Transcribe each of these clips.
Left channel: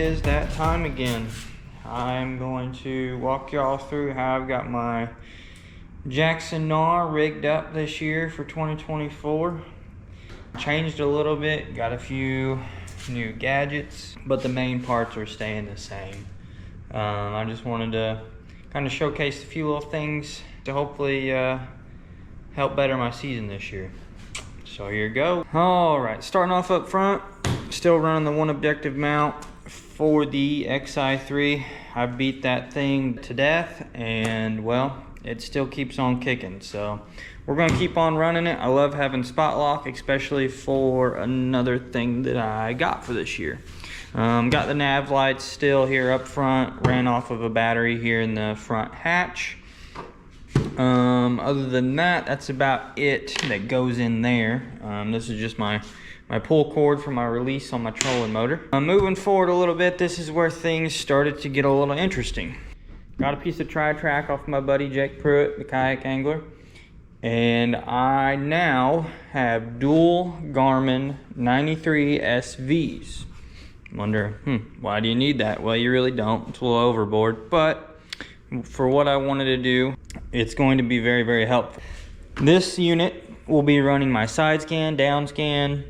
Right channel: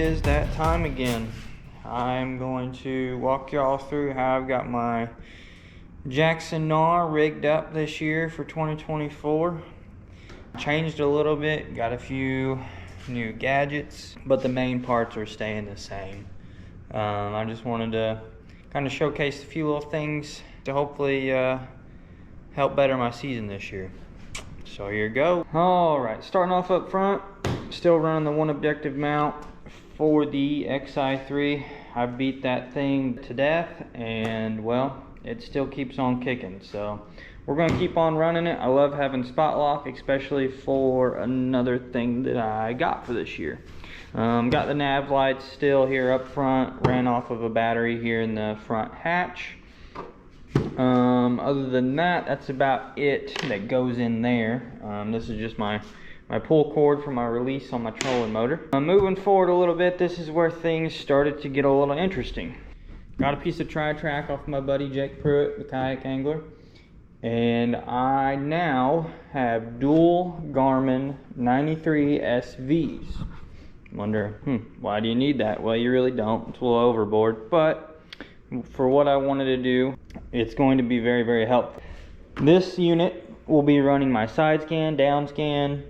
is that time again. I'm going to walk y'all through how I've got my Jackson Knarr rigged up this year for 2024. Changed a little bit, got a few new gadgets, but the main parts are staying the same. I just wanted to kind of showcase a few little things to hopefully help better my season this year. So here you go. All right, starting off up front, still running the one objective mount for the XI3. I beat that thing to death, and well, it still keeps on kicking. So we're gonna keep on running it. I love having spot lock, especially for another thing that I got for this year. Got the nav lights still here up front, ran off of a battery here in the front hatch. Other than that, that's about it that goes in there. This is just my pull cord for my release on my trolling motor. Moving forward a little bit, this is where things started to get a little interesting. Got a piece of tri-track off my buddy Jake Pruitt, the kayak angler. And I now have dual Garmin 93 SVs. Wonder, why do you need that? Well, you really don't. It's a little overboard, but for what I wanted to do, it's going to be very, very helpful. This unit will be running my side scan, down scan,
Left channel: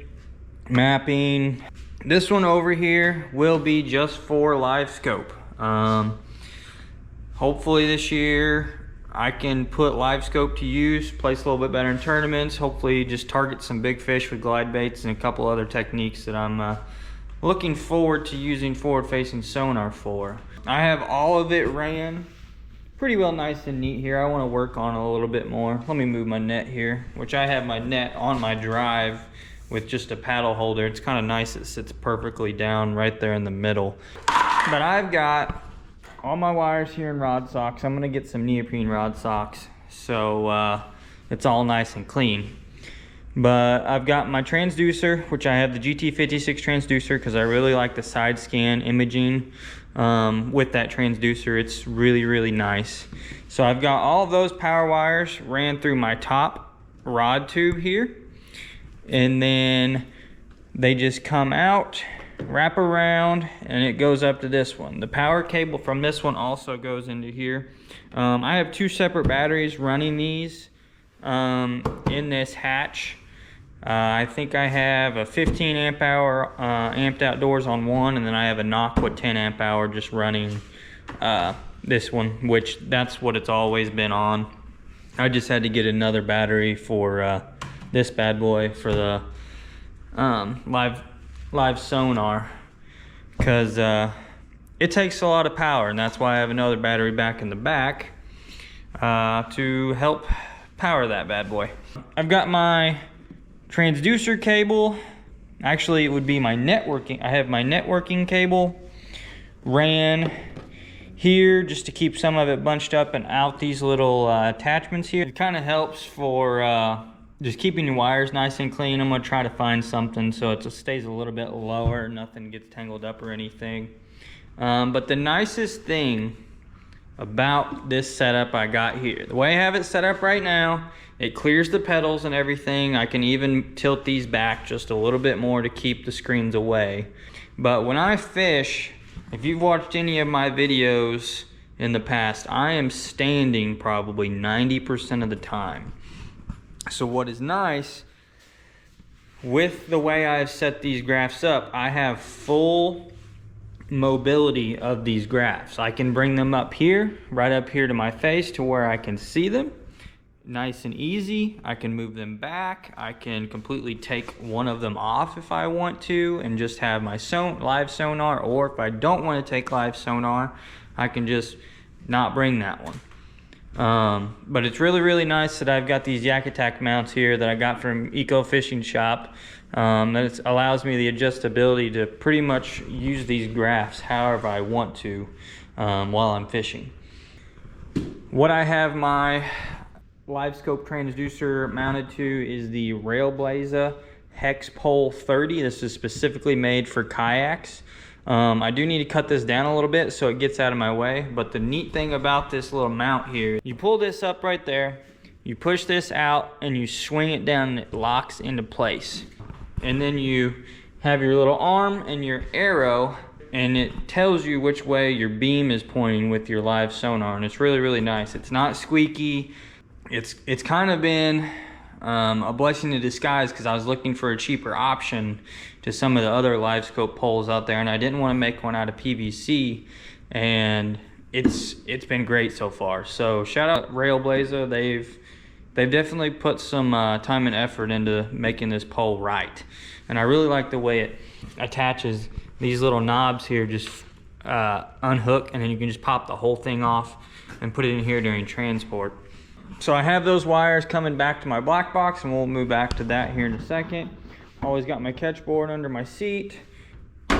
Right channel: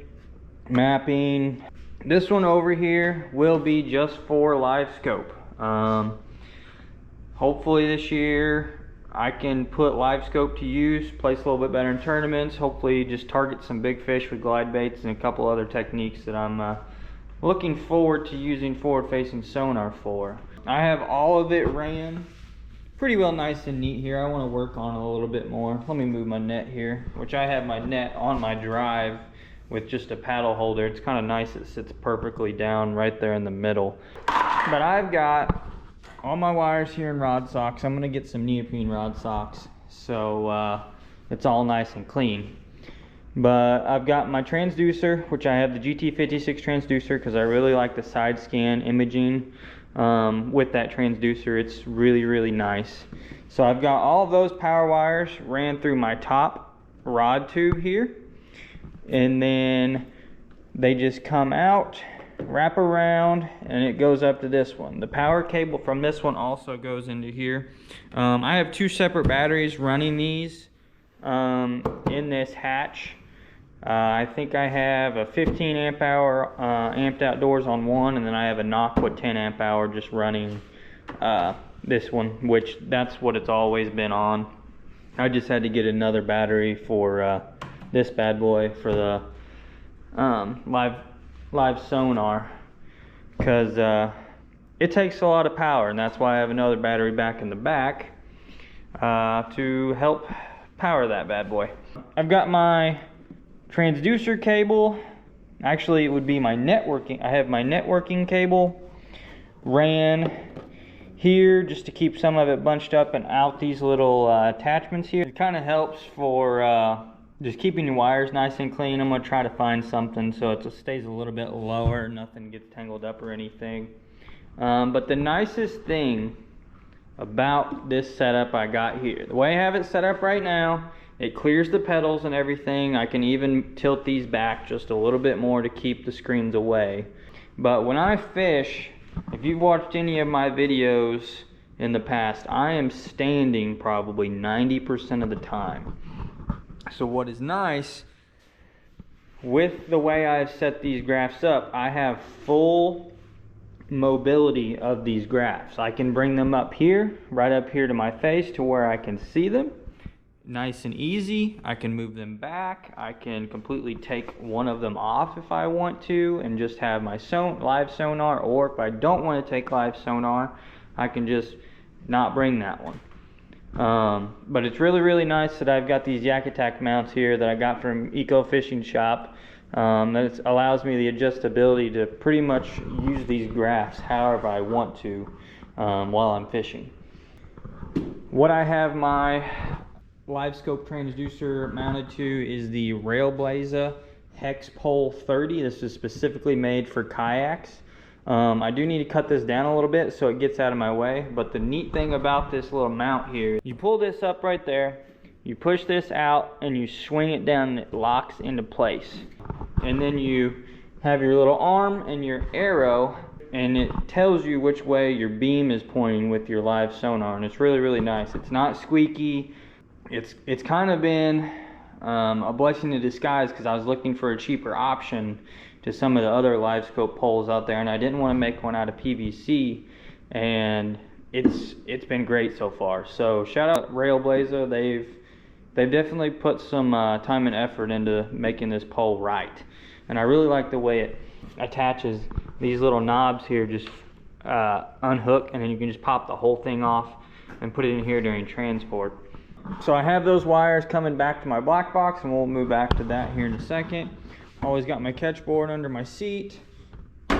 mapping. This one over here will be just for live scope. Hopefully this year I can put live scope to use, place a little bit better in tournaments, hopefully just target some big fish with glide baits and a couple other techniques that I'm looking forward to using forward-facing sonar for. I have all of it ran pretty well nice and neat here. I want to work on it a little bit more. Let me move my net here, which I have my net on my drive with just a paddle holder. It's kind of nice. It sits perfectly down right there in the middle. But I've got all my wires here in rod socks. I'm going to get some neoprene rod socks so it's all nice and clean. But I've got my transducer, which I have the GT56 transducer because I really like the side scan imaging with that transducer. It's really, really nice. So I've got all of those power wires ran through my top rod tube here, and then they just come out, wrap around, and it goes up to this one. The power cable from this one also goes into here. I have two separate batteries running these in this hatch. I think I have a 15 amp hour amped outdoors on one, and then I have a Knockwit 10 amp hour just running this one, which that's what it's always been on. I just had to get another battery for this bad boy for the live sonar, because it takes a lot of power, and that's why I have another battery back in the back to help power that bad boy. I've got my transducer cable. Actually, it would be my networking. I have my networking cable ran here just to keep some of it bunched up and out these little attachments here. It kind of helps for just keeping your wires nice and clean. I'm going to try to find something so it stays a little bit lower, nothing gets tangled up or anything. But the nicest thing about this setup I got here, the way I have it set up right now, it clears the pedals and everything. I can even tilt these back just a little bit more to keep the screens away. But when I fish, if you've watched any of my videos in the past, I am standing probably 90% of the time. So what is nice, with the way I've set these graphs up, I have full mobility of these graphs. I can bring them up here, right up here to my face to where I can see them. Nice and easy. I can move them back. I can completely take one of them off if I want to and just have my live sonar, or if I don't want to take live sonar, I can just not bring that one. But it's really, really nice that I've got these Yak Attack mounts here that I got from Eco Fishing Shop. That allows me the adjustability to pretty much use these graphs however I want to while I'm fishing. What I have my live scope transducer mounted to is the Railblaza Hex Pole 30. This is specifically made for kayaks. I do need to cut this down a little bit so it gets out of my way, but the neat thing about this little mount here, you pull this up right there, you push this out and you swing it down and it locks into place. And then you have your little arm and your arrow and it tells you which way your beam is pointing with your live sonar, and it's really, really nice. It's not squeaky. It's kind of been a blessing in disguise, because I was looking for a cheaper option to some of the other live scope poles out there, and I didn't want to make one out of PVC, and it's been great so far. So shout out Railblazer. They've definitely put some time and effort into making this pole right, and I really like the way it attaches. These little knobs here just unhook, and then you can just pop the whole thing off and put it in here during transport. So I have those wires coming back to my black box, and we'll move back to that here in a second. Always got my catch board under my seat.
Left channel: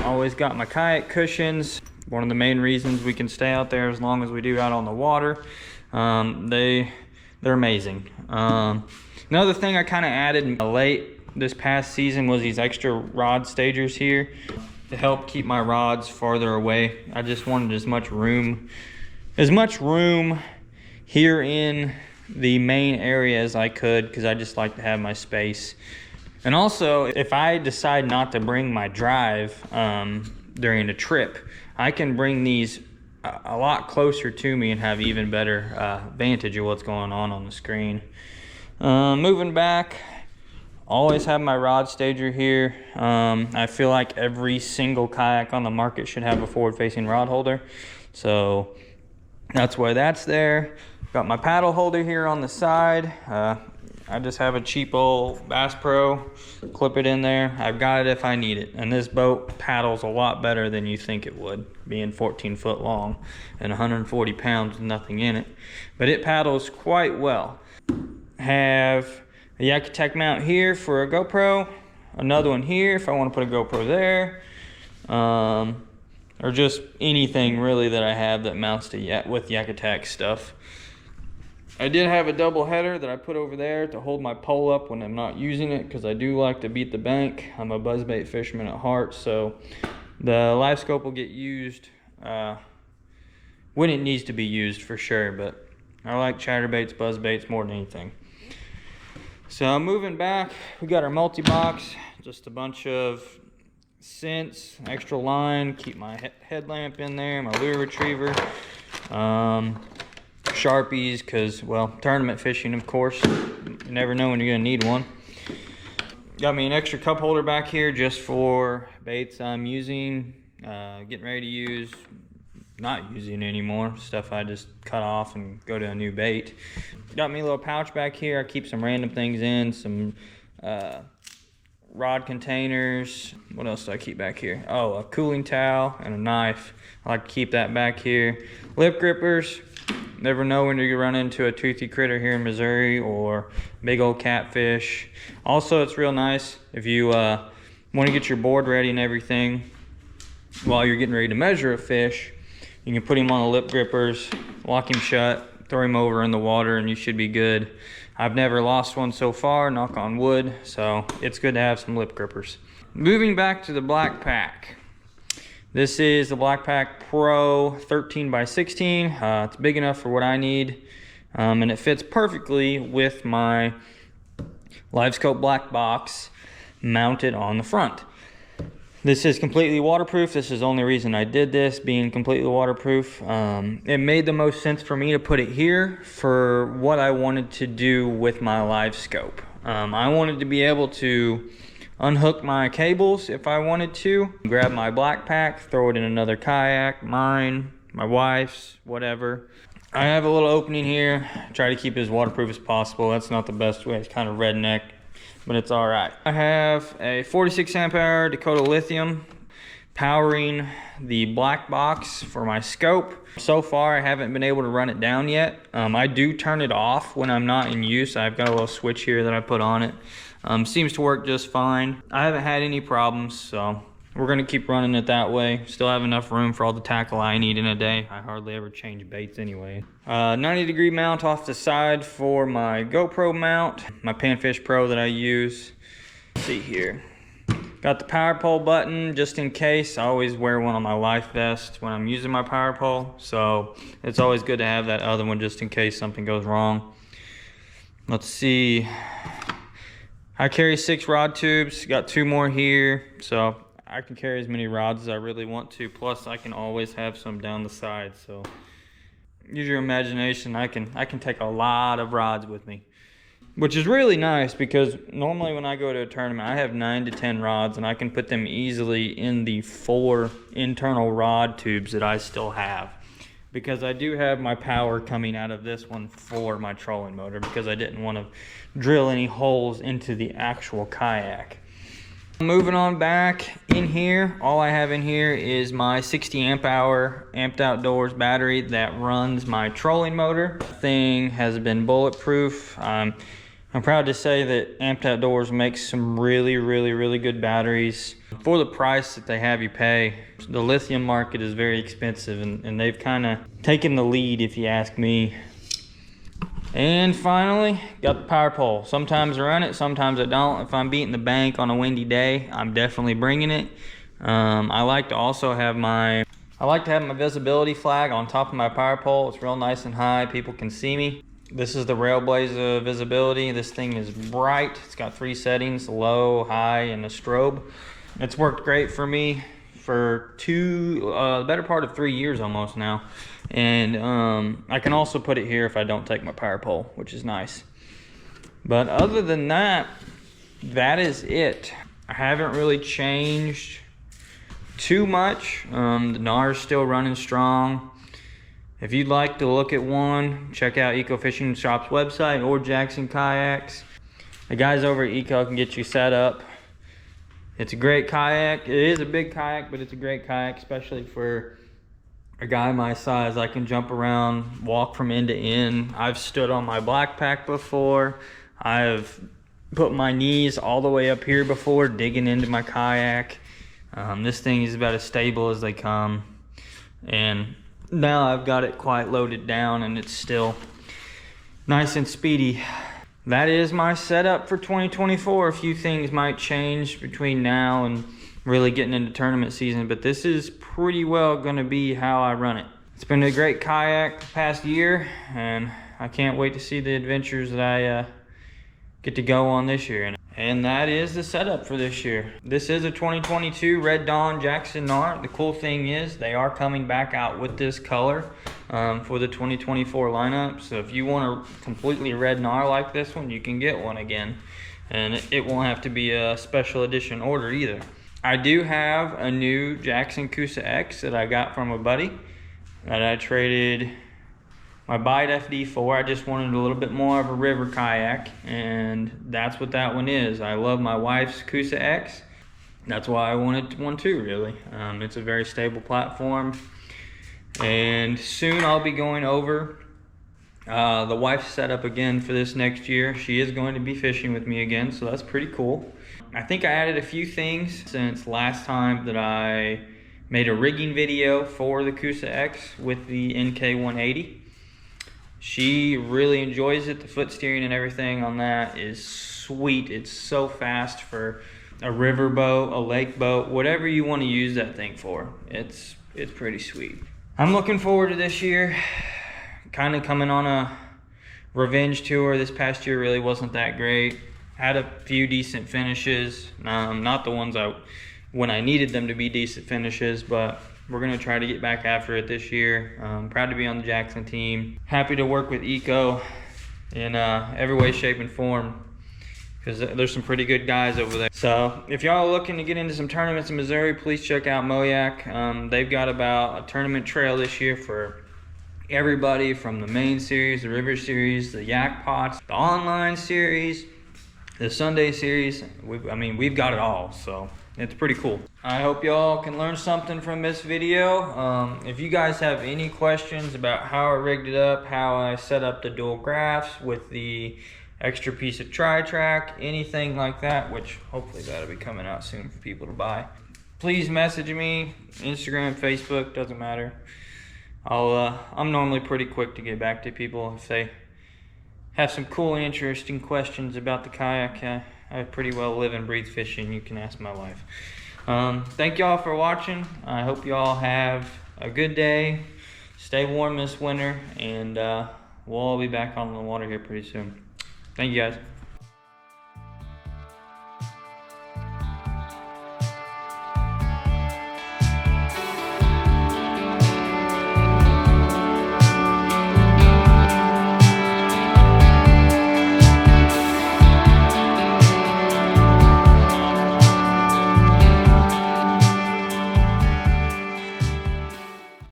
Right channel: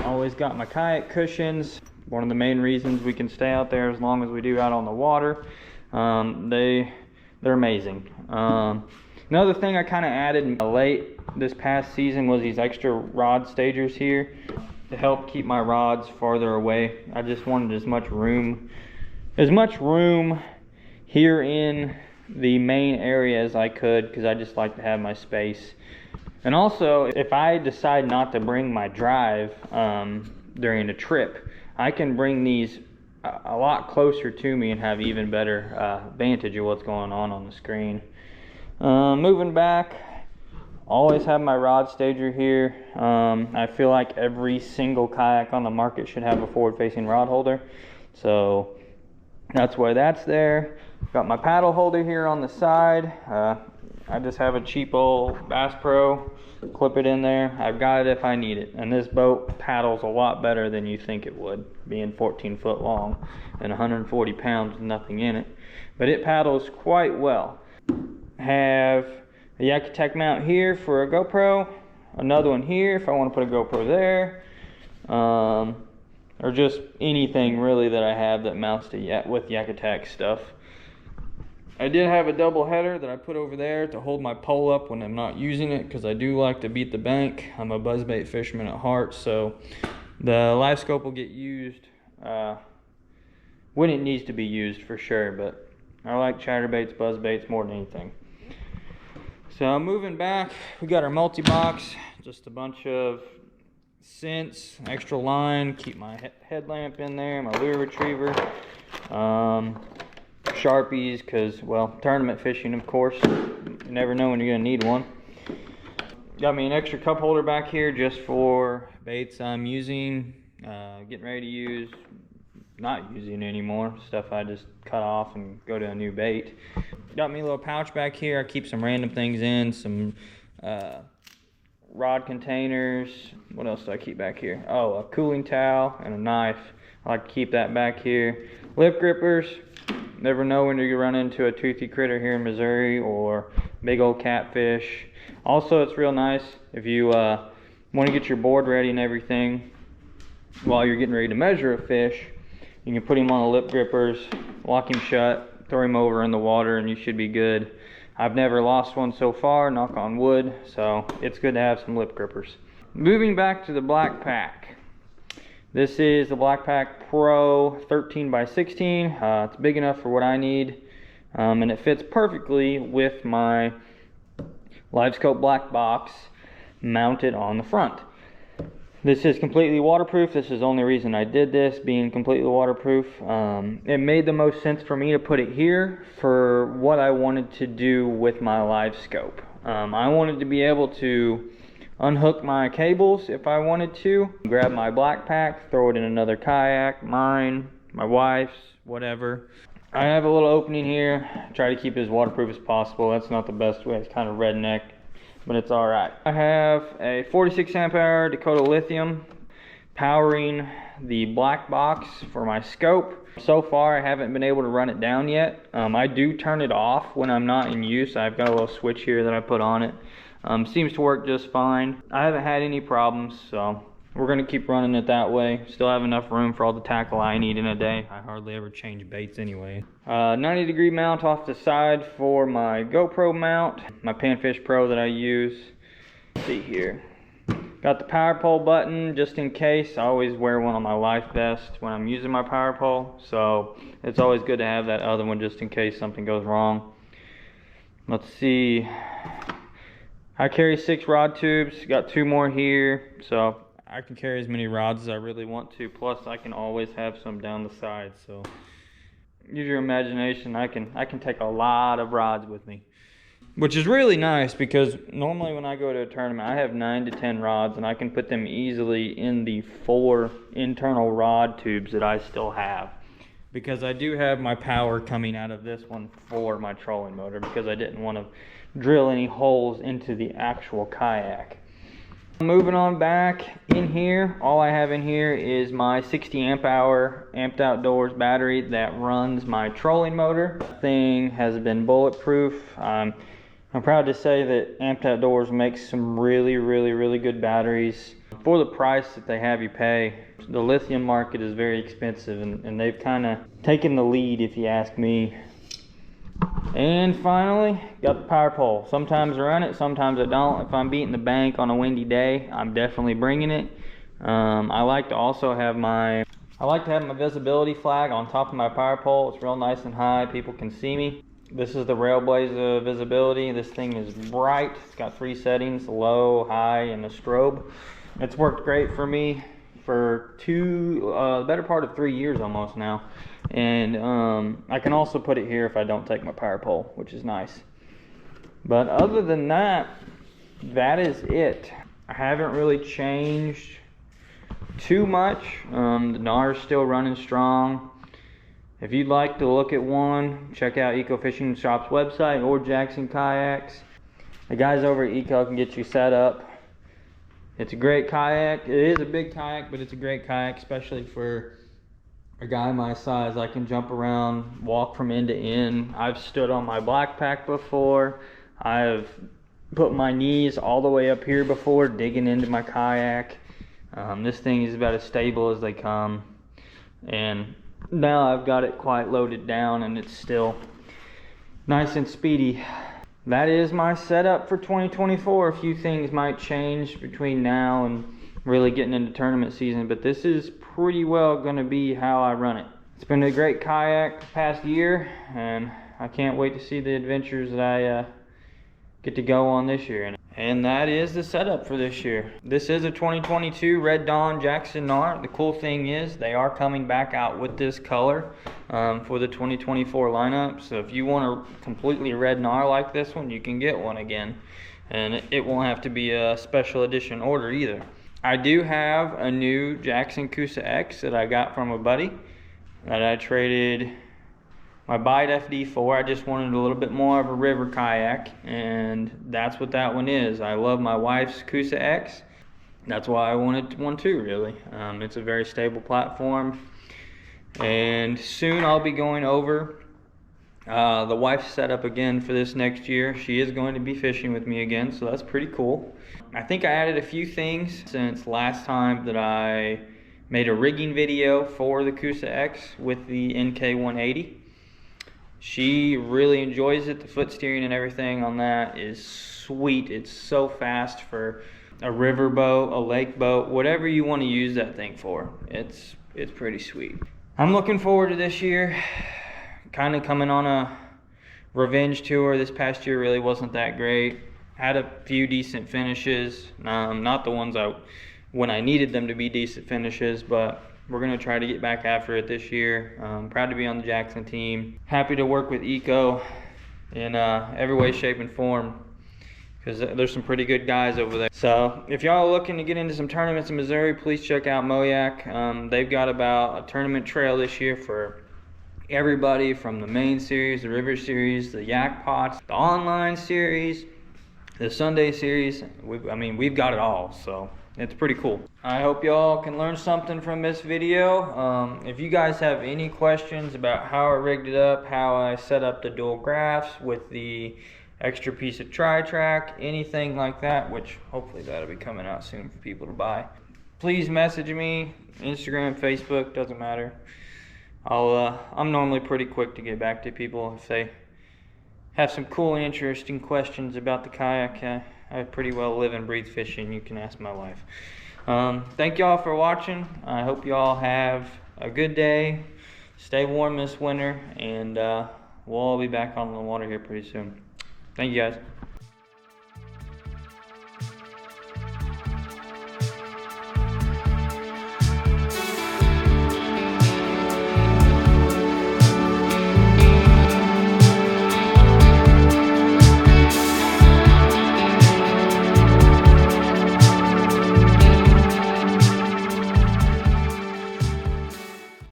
Always got my kayak cushions. One of the main reasons we can stay out there as long as we do out on the water. They're amazing. Another thing I kind of added late this past season was these extra rod stagers here to help keep my rods farther away. I just wanted as much room here in the main area as I could, because I just like to have my space. And also, if I decide not to bring my drive during a trip, I can bring these a lot closer to me and have even better vantage of what's going on the screen. Moving back, always have my rod stager here. I feel like every single kayak on the market should have a forward-facing rod holder, so that's why that's there. Got my paddle holder here on the side. I just have a cheap old Bass Pro, clip it in there. I've got it if I need it. And this boat paddles a lot better than you think it would, being 14 foot long and 140 pounds with nothing in it. But it paddles quite well. Have a Kayak mount here for a GoPro, another one here if I want to put a GoPro there, or just anything really that I have that mounts to with Kayak stuff. I did have a double header that I put over there to hold my pole up when I'm not using it, because I do like to beat the bank. I'm a buzzbait fisherman at heart, so the live scope will get used when it needs to be used for sure, but I like chatterbaits, buzzbaits more than anything. So moving back, we got our multi-box, just a bunch of scents, extra line, keep my headlamp in there, my lure retriever, Sharpies, because, well, tournament fishing, of course, you never know when you're gonna need one. Got me an extra cup holder back here just for baits I'm using, getting ready to use, not using anymore, stuff I just cut off and go to a new bait. Got me a little pouch back here. I keep some random things in, some rod containers. What else do I keep back here? Oh, a cooling towel and a knife. I like to keep that back here. Lip grippers. Never know when you run into a toothy critter here in Missouri, or big old catfish. Also, it's real nice if you want to get your board ready and everything while you're getting ready to measure a fish. You can put him on the lip grippers, lock him shut, throw him over in the water, and you should be good. I've never lost one so far, knock on wood, so it's good to have some lip grippers. Moving back to the Black Pack. This is the Black Pack Pro 13x16. It's big enough for what I need, and it fits perfectly with my live scope black box mounted on the front. This is completely waterproof. This is the only reason I did this, being completely waterproof. It made the most sense for me to put it here for what I wanted to do with my live scope. I wanted to be able to unhook my cables if I wanted to, grab my Black Pack, throw it in another kayak, mine, my wife's, whatever. I have a little opening here, try to keep it as waterproof as possible. That's not the best way, it's kind of redneck, but it's all right. I have a 46 amp hour Dakota lithium powering the black box for my scope. So far, I haven't been able to run it down yet. I do turn it off when I'm not in use. I've got a little switch here that I put on it. Seems to work just fine. I haven't had any problems, so we're gonna keep running it that way. Still have enough room for all the tackle I need in a day. I hardly ever change baits anyway. 90-degree mount off the side for my GoPro mount, my Panfish Pro that I use. Let's see here. Got the power pole button just in case. I always wear one on my life vest when I'm using my power pole, so it's always good to have that other one just in case something goes wrong. Let's see. I carry 6 rod tubes, got 2 more here, so I can carry as many rods as I really want to. Plus, I can always have some down the side. So use your imagination. I can take a lot of rods with me, which is really nice because normally when I go to a tournament, I have 9 to 10 rods, and I can put them easily in the 4 internal rod tubes that I still have, because I do have my power coming out of this one for my trolling motor, because I didn't want to drill any holes into the actual kayak. Moving on back in here, all I have in here is my 60 amp hour Amped Outdoors battery that runs my trolling motor. The thing has been bulletproof. I'm proud to say that Amped Outdoors makes some really good batteries. For the price that they have you pay, the lithium market is very expensive, and they've kind of taken the lead, if you ask me. And finally, got the power pole. Sometimes I run it, sometimes I don't. If I'm beating the bank on a windy day, I'm definitely bringing it. I like to also have my visibility flag on top of my power pole. It's real nice and high, people can see me. This is the Railblazer visibility. This thing is bright. It's got 3 settings, low, high, and a strobe. It's worked great for me for the better part of 3 years almost now. And I can also put it here if I don't take my power pole, which is nice. But other than that, that is it. I haven't really changed too much. The Knarr is still running strong. If you'd like to look at one, check out Eco Fishing Shop's website or Jackson Kayaks. The guys over at Eco can get you set up. It's a great kayak. It is a big kayak, but it's a great kayak, especially for a guy my size. I can jump around, walk from end to end. I've stood on my black pack before. I've put my knees all the way up here before, digging into my kayak. This thing is about as stable as they come. And now I've got it quite loaded down, and it's still nice and speedy. That is my setup for 2024. A few things might change between now and really getting into tournament season, but this is pretty well going to be how I run it. It's been a great kayak the past year, and I can't wait to see the adventures that I get to go on this year. And that is the setup for this year. This is a 2022 Red Dawn Jackson Knarr. The cool thing is they are coming back out with this color for the 2024 lineup. So if you want a completely red Knarr like this one, you can get one again. And it won't have to be a special edition order either. I do have a new Jackson Coosa X that I got from a buddy that I traded my Bite FD for. I just wanted a little bit more of a river kayak, and that's what that one is. I love my wife's Coosa X. That's why I wanted one too, really. It's a very stable platform, and soon I'll be going over the wife's setup again for this next year. She is going to be fishing with me again, so that's pretty cool. I think I added a few things since last time that I made a rigging video for the Coosa X with the NK180. She really enjoys it. The foot steering and everything on that is sweet. It's so fast for a river boat, a lake boat, whatever you want to use that thing for. It's pretty sweet. I'm looking forward to this year. Kind of coming on a revenge tour. This past year really wasn't that great. Had a few decent finishes. Not the ones when I needed them to be decent finishes, but we're going to try to get back after it this year. Proud to be on the Jackson team. Happy to work with Eco in every way, shape, and form, because there's some pretty good guys over there. So if y'all are looking to get into some tournaments in Missouri, please check out Mo-Yak. They've got about a tournament trail this year for everybody, from the main series, the river series, the yak pots, the online series, the Sunday series. We've got it all, so it's pretty cool. I hope y'all can learn something from this video. If you guys have any questions about how I rigged it up, how I set up the dual graphs with the extra piece of tri-track, anything like that, which hopefully that'll be coming out soon for people to buy, please message me. Instagram, Facebook, doesn't matter. I'm normally pretty quick to get back to people if they have some cool and interesting questions about the kayak. I pretty well live and breathe fishing. You can ask my wife. Thank y'all for watching. I hope y'all have a good day. Stay warm this winter, and we'll all be back on the water here pretty soon. Thank you guys.